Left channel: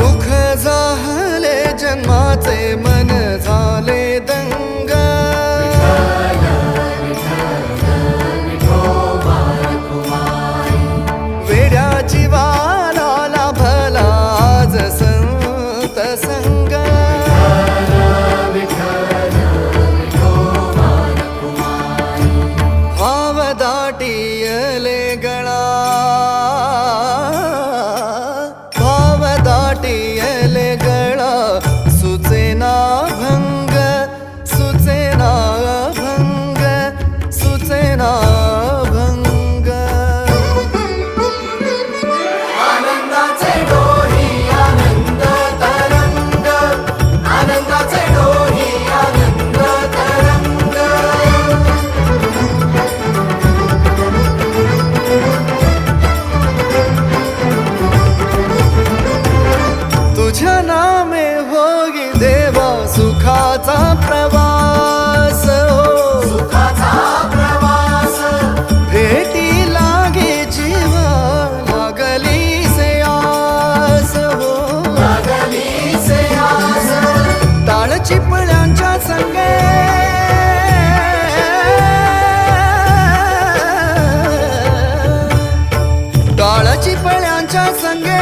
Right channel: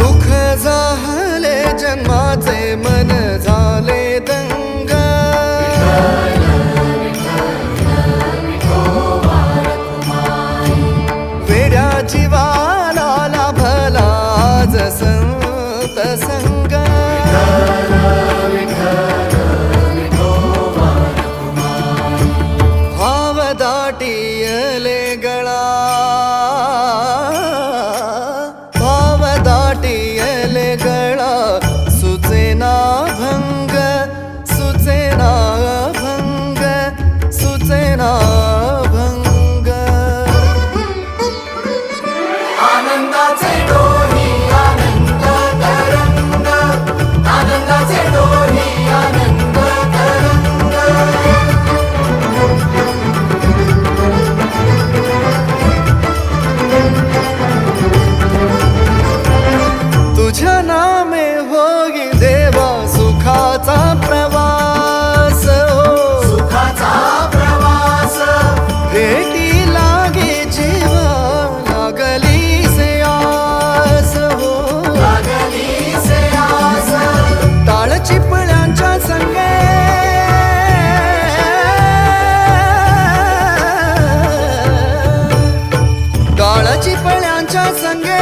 सुख झाले जन्माचे मन झाले दंग. वेड्या जीवाला लाभला आज संत संग. भाव दाटियले गळा. दाटियले गळा सुचेना भंग सुचेना भंग सुचेना तुझ्या नामे होई देवा सुखाचा प्रवास हो. सुखाचा प्रवास भेटी लागे जीवा लागली से आस हो. ताळ चिपळ्यांच्या संगे. टाळ चिपळ्यांच्या संगे